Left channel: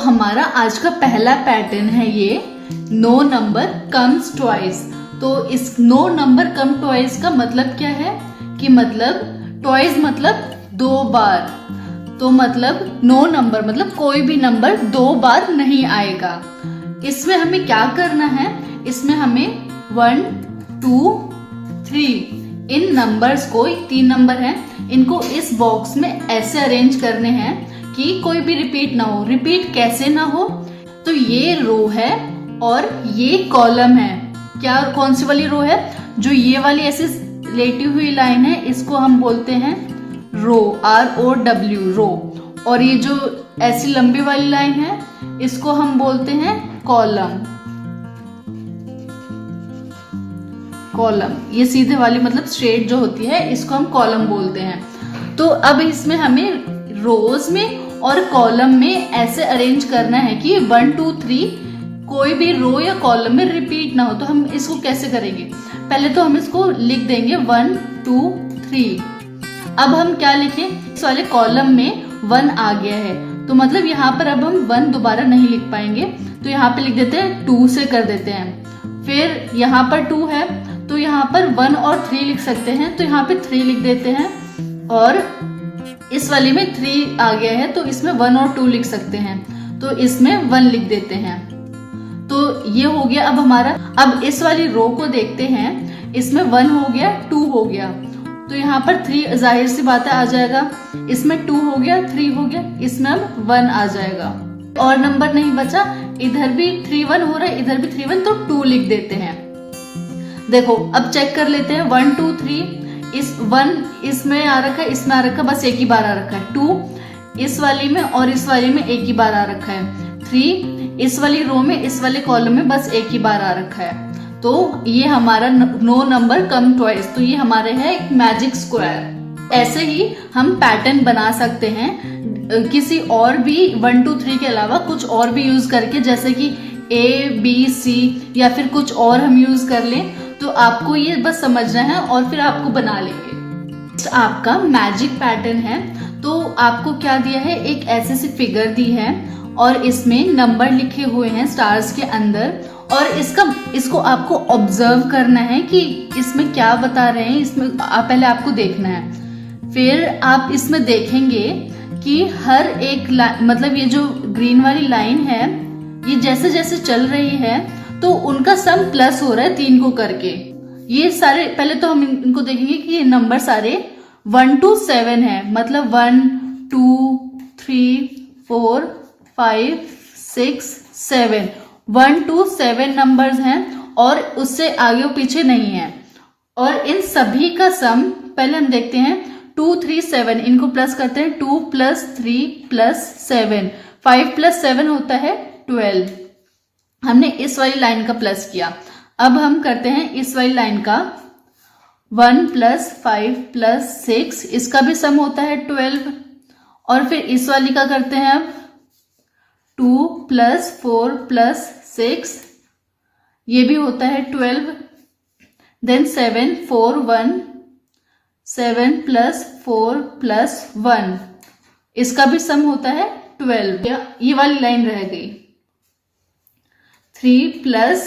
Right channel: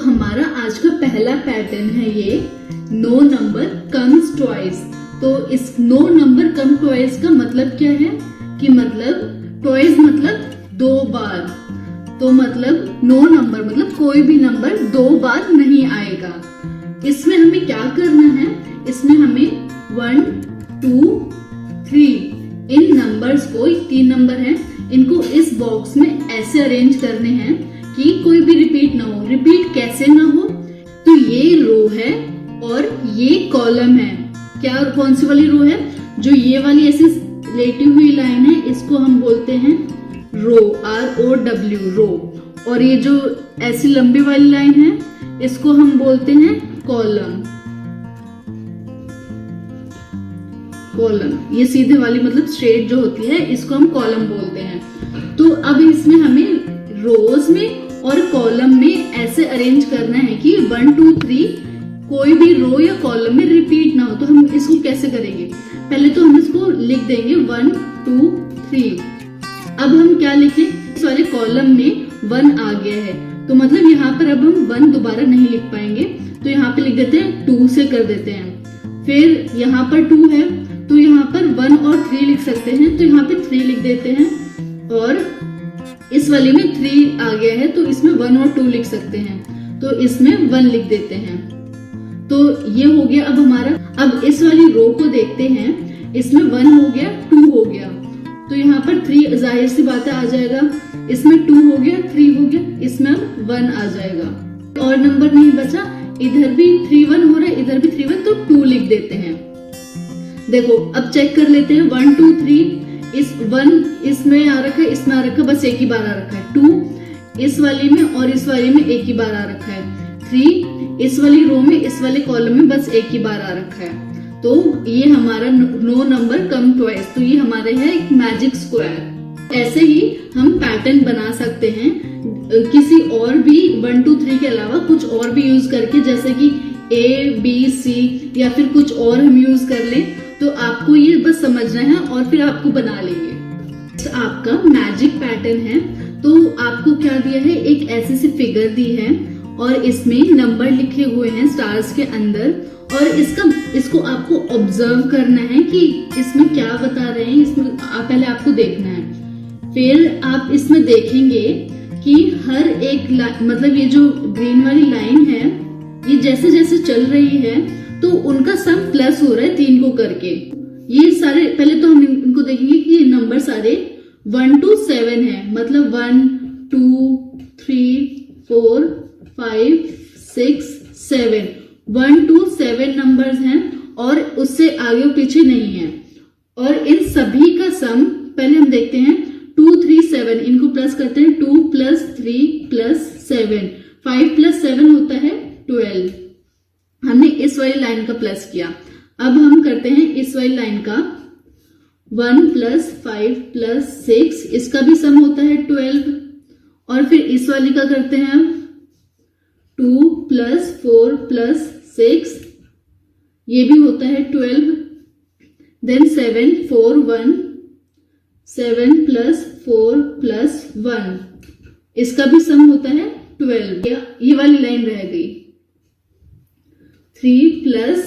हमारा आज का पहला पैटर्न है ये नो नंबर कम्स ट्वाइस। तो इस नो नंबर कम ट्वाइस का मतलब क्या है कि मतलब ट्वाइस मतलब दो बार, तो मतलब नो नंबर मतलब कोई भी नंबर दो बार नहीं आएगा। इसमें हमें क्या करना है, इसमें हमें 1 2 3 इन नंबर्स को, 3 नंबर हैं, इनको इस बॉक्स में ऐसे अरेंज करने हैं कि कोई भी रिपीट ना हो। रिपीट कैसे ना हो, तो ये रो है और ये कॉलम है। क्या कौन सी वाली रो है, जो ये वाली ऐसे लेटी हुई लाइन है, इसको हम बोलते हैं रो, ROW रो। और ये जो ऐसी लंबी वाली लाइन है, इसको हम बोलते हैं कॉलम। कॉलम ये सीधे वाली मतलब स्ट्रेट जो होती है, इसको हम कॉलम बोलते हैं। तो अब इसमें हमें रोज में और कॉलम में ऐसे अरेंज करना है कि 1 2 3 कोई भी रो या कॉलम में रिपीट ना हो। तो हम इसको कैसे करेंगे, पहले तो हम इसको लिख देंगे 1 2 3। अब हम क्या लिखें, इस वाले कॉलम में 1 आ गया है, तो मतलब यहाँ पर अब हम 1 दोबारा नहीं लिख पाएंगे, तो यहाँ पे लिख देते हैं 2 से कर देते हैं। फिर यहाँ पर 2 है, तो यहाँ पर 1 और 3 लिख सकते हैं, तो यहाँ पे 3 लिख देते हैं। और इस वाले में 3 आ गया है, तो इसमें 1 और 2 लिख सकते हैं, तो इसमें 1 लिख देते हैं। तो ये हो गया अब हमारा। अब इस वाली रो को देखते हैं, इसमें 1 हो गया, 2 हो गया, तो यहाँ पर 3 जाहिर सी बात है आ जाएगा। इसमें 2 हो गया, 3 हो गया, इसमें अब 1 आ जाएगा। और नंबर नहीं बचा, इधर भी 3 1 हो रहा है, इधर भी 3 1, तो 2 लिख देते हैं। देखो अब चेक कर लेते हैं, 1 2 3 इस 1 इसमें आ रखा है, इसमें आ रखा है, बस एक ही बार आ रखा है। 2 इस वाली में और इस वाली में एक ही बार आ रखा है। 3 इस वाली रो में, इस वाले कॉलम में बस एक ही बार आ रखा है। तो ये हमारा नो नंबर कम ट्वाइस, तो ये हमारे है एक मैजिक स्क्वायर। ऐसे ही हम पैटर्न बना सकते हैं किसी और भी 1 2 3 के अलावा कुछ और भी यूज करके, जैसे कि ABC या फिर कुछ और हम यूज कर लें। तो आपको ये बस समझना है और फिर आपको बना लेंगे। आपका मैजिक पैटर्न है, तो आपको क्या दिया है, एक ऐसी सी फिगर दी है और इसमें नंबर लिखे हुए हैं स्टार्स के अंदर, और इसको आपको ऑब्जर्व करना है कि इसमें क्या बता रहे हैं। इसमें पहले आपको देखना है, फिर आप इसमें देखेंगे कि हर एक मतलब ये जो ग्रीन वाली लाइन है, ये जैसे जैसे चल रही है तो उनका सम प्लस हो रहा है 3 को करके। ये सारे पहले तो हम इनको देखेंगे कि ये नंबर सारे 1 to 7 है, मतलब 1 2 3 4 5 6 7 1 to 7 नंबर्स हैं और उससे आगे और पीछे नहीं है। और इन सभी का सम पहले हम देखते हैं 2 3 7, इनको प्लस करते हैं, 2 + 3 + 7, 5 + 7 होता है 12। हमने इस वाली लाइन का प्लस किया। अब हम करते हैं इस वाली लाइन का 1 + 5 + 6, इसका भी सम होता है 12। और फिर इस वाली का करते हैं अब 2 + 4 + 6, ये भी होता है 12। देन 7 4 1, 7 + 4 + 1, इसका भी सम होता है 12। ये वाली लाइन रह गई। 3 +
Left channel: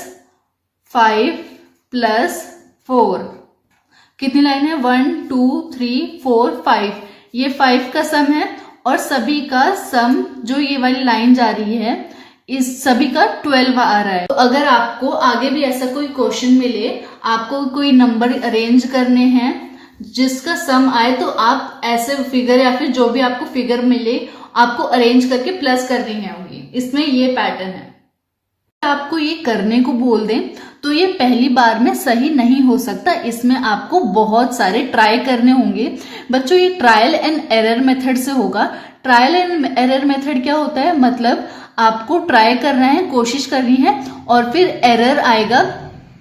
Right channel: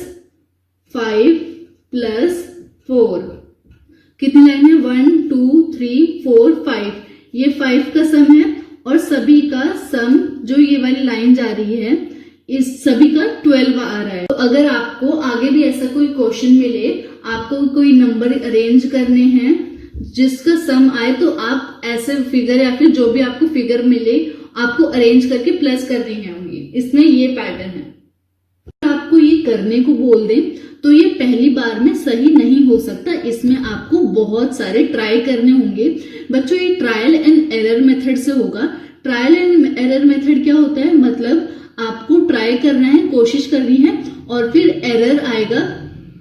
5 + 4, कितनी लाइन है, 1 2 3 4 5, ये 5 का सम है और सभी का सम जो ये वाली लाइन जा रही है, इस सभी का 12 आ रहा है। तो अगर आपको आगे भी ऐसा कोई क्वेश्चन मिले, आपको कोई नंबर अरेंज करने हैं जिसका सम आए, तो आप ऐसे फिगर या फिर जो भी आपको फिगर मिले, आपको अरेंज करके प्लस करनी होंगी। इसमें ये पैटर्न है। आपको ये करने को बोल दें तो ये पहली बार में सही नहीं हो सकता, इसमें आपको बहुत सारे ट्राई करने होंगे। बच्चों ये ट्रायल एंड एरर मेथड से होगा। ट्रायल एंड एरर मेथड क्या होता है, मतलब आपको ट्राई करना है, कोशिश करनी है और फिर एरर आएगा,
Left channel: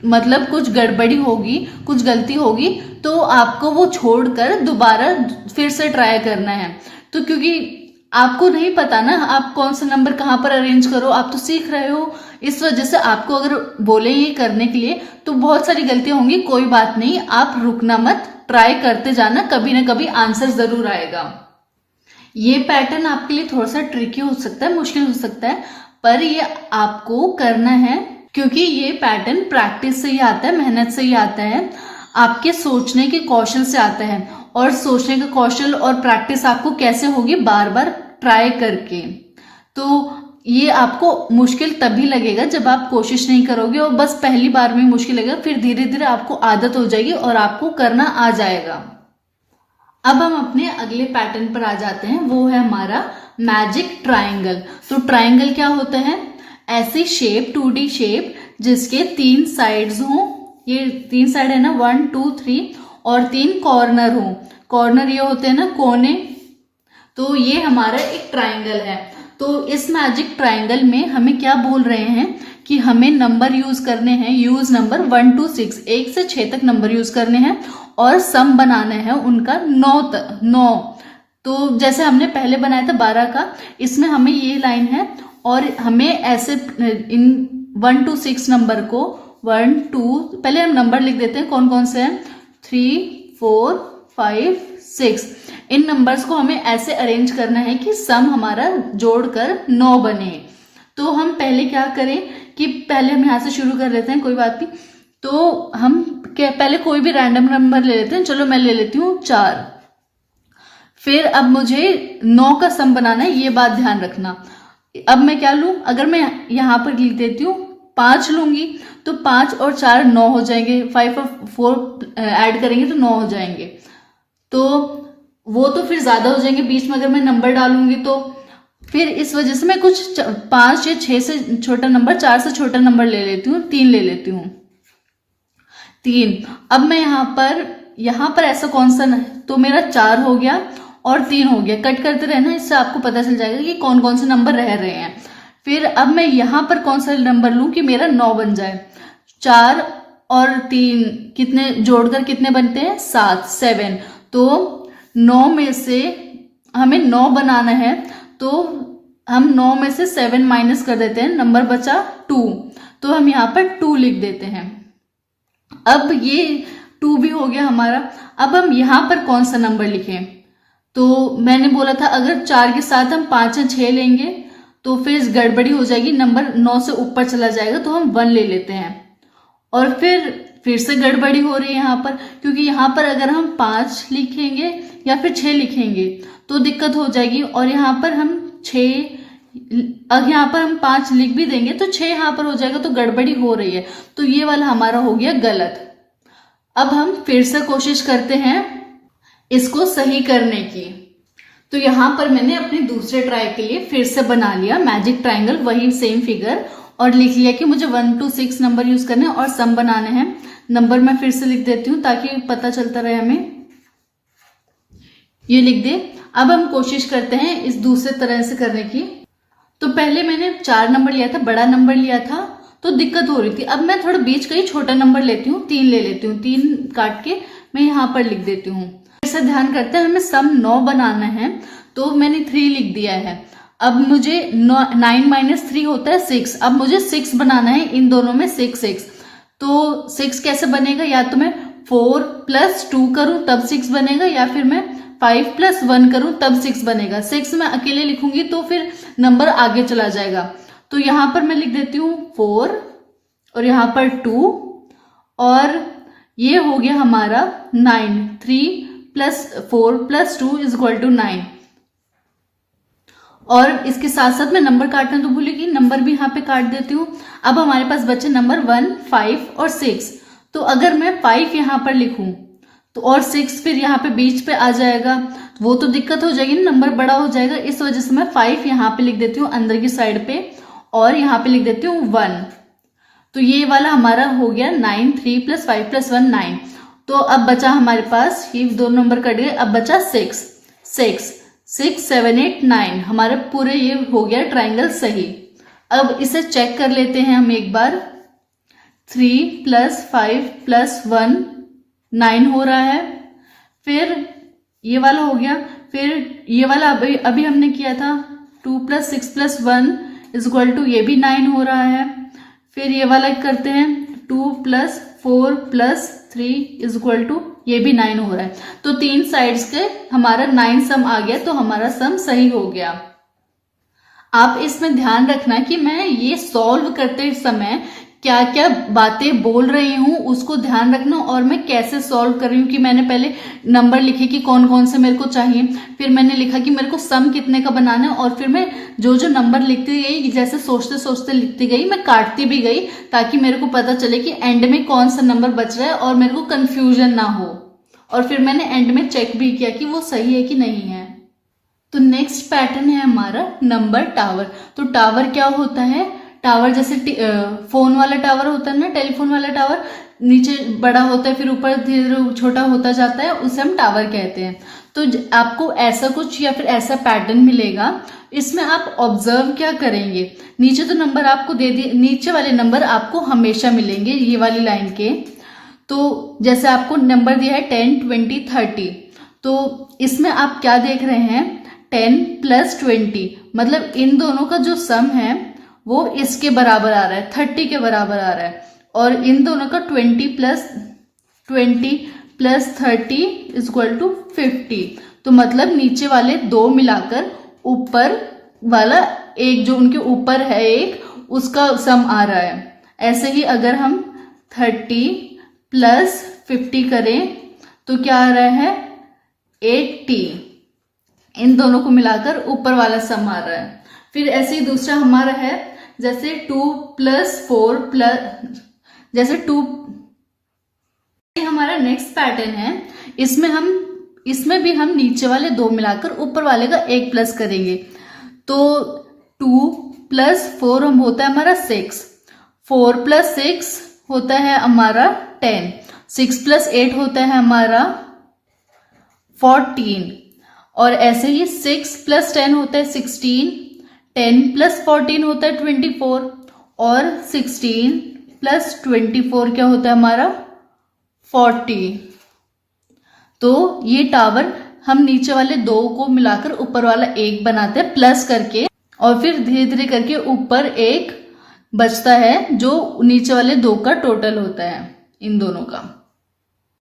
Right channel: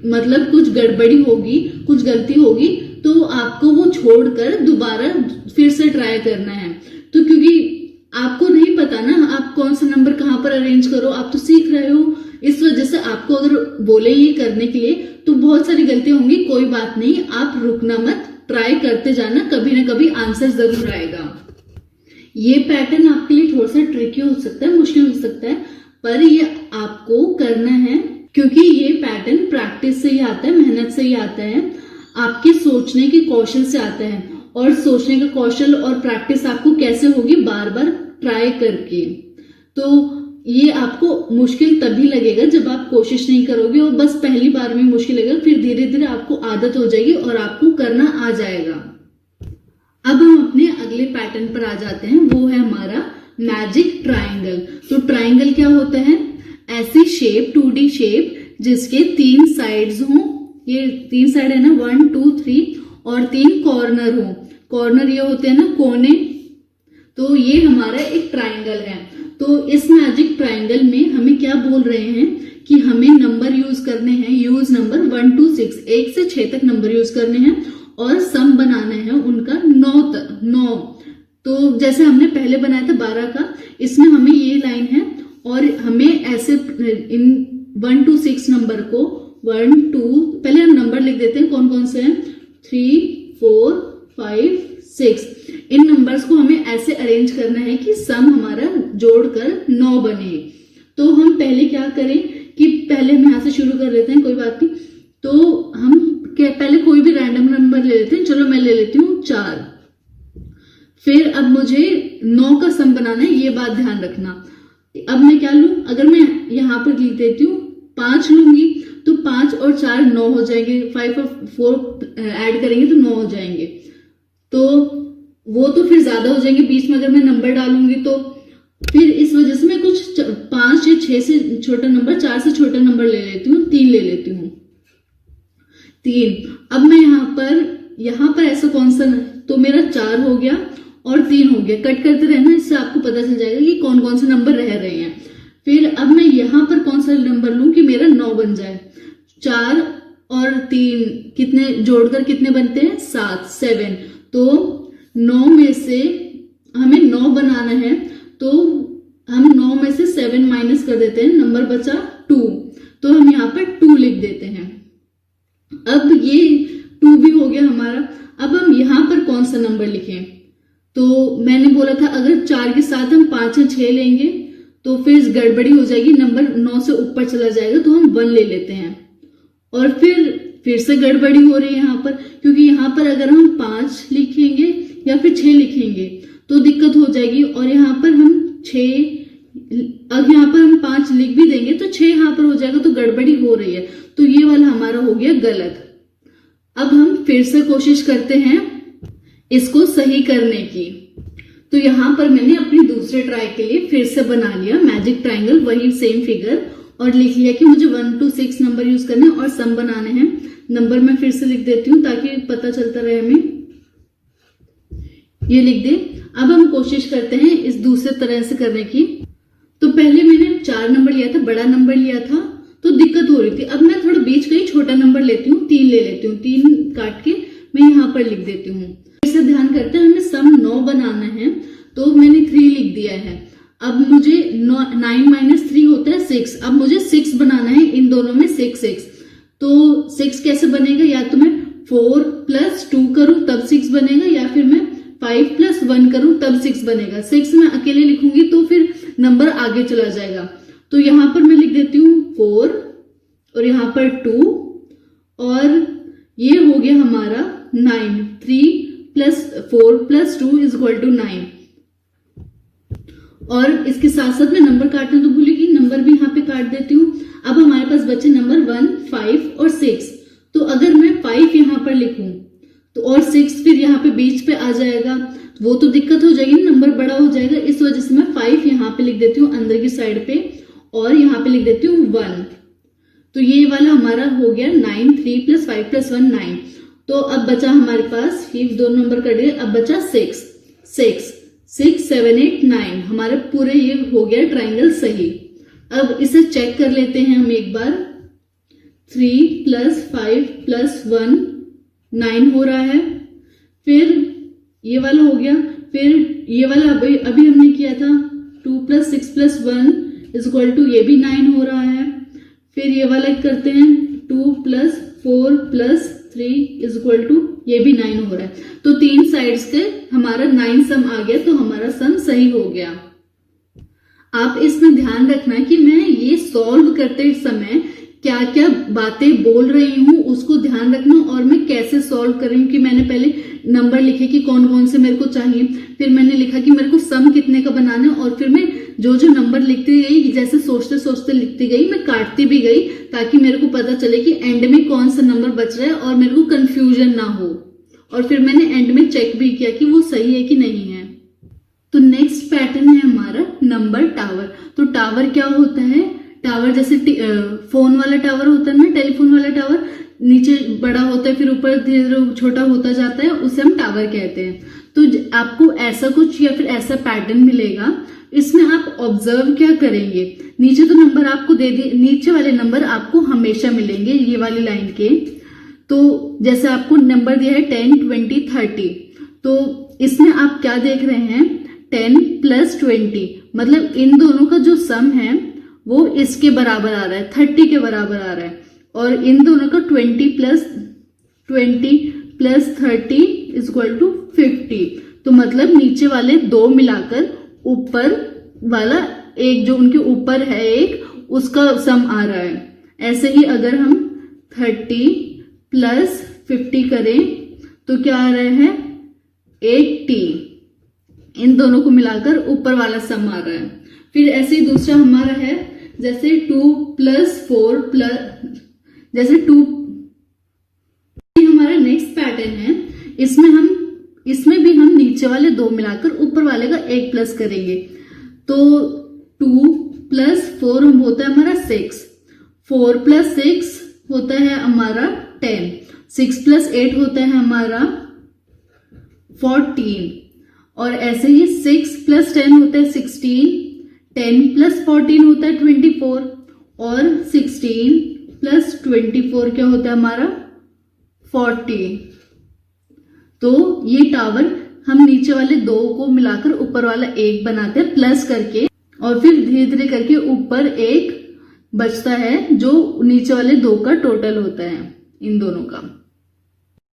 मतलब कुछ गड़बड़ी होगी, कुछ गलती होगी, तो आपको वो छोड़कर दोबारा फिर से ट्राई करना है। तो क्योंकि आपको नहीं पता ना आप कौन सा नंबर कहाँ पर अरेंज करो, आप तो सीख रहे हो, इस वजह से आपको अगर बोले ये करने के लिए तो बहुत सारी गलतियां होंगी। कोई बात नहीं, आप रुकना मत, ट्राई करते जाना, कभी ना कभी आंसर जरूर आएगा। ये पैटर्न आपके लिए थोड़ा सा ट्रिकी हो सकता है, मुश्किल हो सकता है, पर ये आपको करना है क्योंकि ये पैटर्न प्रैक्टिस से ही आता है, मेहनत से ही आता है, आपके सोचने के कौशल से आता है। और सोचने का कौशल और प्रैक्टिस आपको कैसे होगी, बार बार ट्राई करके। तो ये आपको मुश्किल तभी लगेगा जब आप कोशिश नहीं करोगे और बस पहली बार में मुश्किल लगेगा, फिर धीरे धीरे आपको आदत हो जाएगी और आपको करना आ जाएगा। अब हम अपने अगले पैटर्न पर आ जाते हैं, वो है हमारा मैजिक ट्राइंगल। तो ट्राइंगल क्या होता है, ऐसी शेप 2D शेप जिसके 3 साइड्स हों, ये 3 साइड है ना 1 2 3, और 3 कॉर्नर हो। कॉर्नर ये होते हैं ना कोने, तो ये हमारा एक ट्राइंगल है। तो इस मैजिक ट्राइंगल में हमें क्या बोल रहे हैं कि हमें नंबर यूज करने हैं, यूज नंबर 1 to 6, 1 से 6 तक नंबर यूज करने हैं और सम बनाने हैं उनका 9। तो जैसे हमने पहले बनाया था 12 का, इसमें हमें ये लाइन है और हमें ऐसे इन 1 to 6 नंबर को 1 2, पहले हम नंबर लिख देते हैं कौन कौन से हैं, 3 4 5 6। इन नंबर्स को हमें ऐसे अरेंज करना है कि सम हमारा जोड़कर 9 बने। तो हम पहले क्या करें कि पहले हम यहां से शुरू कर लेते हैं, कोई बात नहीं। तो हम पहले कोई भी रैंडम नंबर ले लेते हैं, चलो मैं ले लेती हूँ 4। फिर अब मुझे 9 का सम बनाना है, ये बात ध्यान रखना। अब मैं क्या लूं, अगर मैं यहां पर लिख देती हूँ 5 लूंगी तो 5 और 4 9 हो जाएंगे, 5 और 4 ऐड करेंगे तो 9 हो जाएंगे। तो वो तो फिर ज्यादा हो जाएंगे बीच में अगर मैं नंबर डालूंगी तो। फिर इस वजह से मैं कुछ 5 या 6 से छोटा नंबर, 4 से छोटा नंबर ले लेती हूँ, 3 ले लेती हूँ, 3। अब मैं यहाँ पर ऐसा कौन सा, तो मेरा 4 हो गया और 3 हो गया। कट करते रहना, इससे आपको पता चल जाएगा कि कौन कौन से नंबर रह रहे हैं। फिर अब मैं यहाँ पर कौन सा नंबर लूं कि मेरा 9 बन जाए। 4 और 3 कितने जोड़कर कितने बनते हैं, 7। तो 9 में से हमें 9 बनाना है, तो हम 9 में से 7 माइनस कर देते हैं, नंबर बचा 2। तो हम यहाँ पर 2 लिख देते हैं। अब ये 2 भी हो गया हमारा। अब हम यहाँ पर कौन सा नंबर लिखें, तो मैंने बोला था अगर 4 के साथ हम 5 या 6 लेंगे तो फिर गड़बड़ी हो जाएगी, नंबर 9 से ऊपर चला जाएगा, तो हम 1 ले लेते हैं। और फिर से गड़बड़ी हो रही है यहाँ पर, क्योंकि यहाँ पर अगर हम 5 लिखेंगे या फिर 6 लिखेंगे तो दिक्कत हो जाएगी। और यहाँ पर हम 5 लिख भी देंगे तो 6 यहाँ पर हो जाएगा, तो गड़बड़ी हो रही है। तो ये वाला हमारा हो गया गलत। अब हम फिर से कोशिश करते हैं इसको सही करने की। तो यहाँ पर मैंने अपने दूसरे ट्राई के लिए फिर से बना लिया मैजिक ट्राइंगल, वही सेम फिगर, और लिख लिया कि मुझे 1 to 6 नंबर यूज करने हैं और सम बनाने हैं। नंबर मैं फिर से लिख देती हूँ ताकि पता चलता रहे हमें, ये लिख दे। अब हम कोशिश करते हैं इस दूसरे तरह से करने की। तो पहले मैंने 4 नंबर लिया था, बड़ा नंबर लिया था, तो दिक्कत हो रही थी। अब मैं थोड़ा बीच का ही छोटा नंबर लेती हूँ, 3 ले लेती हूँ, 3 काट के मैं यहाँ पर लिख देती हूँ। ऐसा ध्यान करते हैं, हमें सम 9 बनाना है, तो मैंने 3 लिख दिया है। अब मुझे 9 माइनस 3 होता है 6। अब मुझे 6 बनाना है, इन दोनों में 6। तो 6 कैसे बनेगा, या तो मैं 4 + 2 करूं तब 6 बनेगा, या फिर मैं 5 + 1 करूं तब 6 बनेगा। 6 मैं अकेले लिखूंगी तो फिर नंबर आगे चला जाएगा। तो यहां पर मैं लिख देती हूँ 4 और यहाँ पर 2, और ये हो गया हमारा 9। 3 + 4 + 2 = 9। और इसके साथ साथ मैं नंबर काटना तो भूलेगी, नंबर भी यहाँ पे काट देती हूँ। अब हमारे पास बचे नंबर 1, 5 और 6। तो अगर मैं 5 यहाँ पर लिखूं तो और 6 फिर यहाँ पे बीच पे आ जाएगा, वो तो दिक्कत हो जाएगी, नंबर बड़ा हो जाएगा। इस वजह से मैं 5 यहाँ पे लिख देती हूँ अंदर की साइड पे, और यहाँ पे लिख देती हूँ 1। तो ये वाला हमारा हो गया 9। 3 + 5 + 1 9। तो अब बचा हमारे पास, ये 2 नंबर कट गए, अब बचा 6। 6 7 8 9, हमारे पूरे ये हो गया ट्राइंगल सही। अब इसे चेक कर लेते हैं हम एक बार। 3 + 5 + 1 9 हो रहा है। फिर ये वाला हो गया, फिर ये वाला अभी हमने किया था 2 + 6 + 1 = ये भी 9 हो रहा है। फिर ये वाला करते हैं 2 + 4 + 3 इज इक्वल टू, ये भी 9 हो रहा है। तो 3 साइड्स के हमारा 9 सम आ गया, तो हमारा सम सही हो गया। आप इसमें ध्यान रखना कि मैं ये सॉल्व करते समय क्या क्या बातें बोल रही हूँ उसको ध्यान रखना, और मैं कैसे सॉल्व कर रही हूँ कि मैंने पहले नंबर लिखे कि कौन कौन से मेरे को चाहिए, फिर मैंने लिखा कि मेरे को सम कितने का बनाना है, और फिर मैं जो जो नंबर लिखती गई, जैसे सोचते सोचते लिखती गई, मैं काटती भी गई ताकि मेरे को पता चले कि एंड में कौन सा नंबर बच रहा है और मेरे को कंफ्यूजन ना हो। और फिर मैंने एंड में चेक भी किया कि वो सही है कि नहीं है। तो नेक्स्ट पैटर्न है हमारा नंबर टावर। तो टावर क्या होता है, टावर जैसे फोन वाला टावर होता है ना, टेलीफोन वाला टावर, नीचे बड़ा होता है फिर ऊपर धीरे धीरे छोटा होता जाता है, उसे हम टावर कहते हैं। तो आपको ऐसा कुछ या फिर ऐसा पैटर्न मिलेगा, इसमें आप ऑब्जर्व क्या करेंगे, नीचे तो नंबर आपको दे दिए, नीचे वाले नंबर आपको हमेशा मिलेंगे ये वाली लाइन के। तो जैसे आपको नंबर दिया है 10, 20, 30, तो इसमें आप क्या देख रहे हैं, 10 + 20, मतलब इन दोनों का जो सम है वो इसके बराबर आ रहा है, 30 के बराबर आ रहा है, और इन दोनों का 20 + 30 इज इक्वल टू 50। तो मतलब नीचे वाले दो मिलाकर ऊपर वाला एक जो उनके ऊपर है एक, उसका सम आ रहा है। ऐसे ही अगर हम 30 + 50 करें तो क्या आ रहा है, 80। इन दोनों को मिलाकर ऊपर वाला सम आ रहा है। फिर ऐसे ही दूसरा हमारा है जैसे 2 + 4 जैसे 2, हमारा नेक्स्ट पैटर्न है। इसमें भी हम नीचे वाले दो मिलाकर ऊपर वाले का एक प्लस करेंगे। तो 2 + 4 हम होता है हमारा 6, 4 + 6 होता है हमारा 10, 6 + 8 होता है हमारा 14, और ऐसे ही 6 + 10 होता है 16, 10 + 14 होता है 24, और 16 + 24 क्या होता है हमारा 40। तो ये टावर हम नीचे वाले दो को मिलाकर ऊपर वाला एक बनाते हैं प्लस करके, और फिर धीरे धीरे करके ऊपर एक बचता है जो नीचे वाले दो का टोटल होता है इन दोनों का।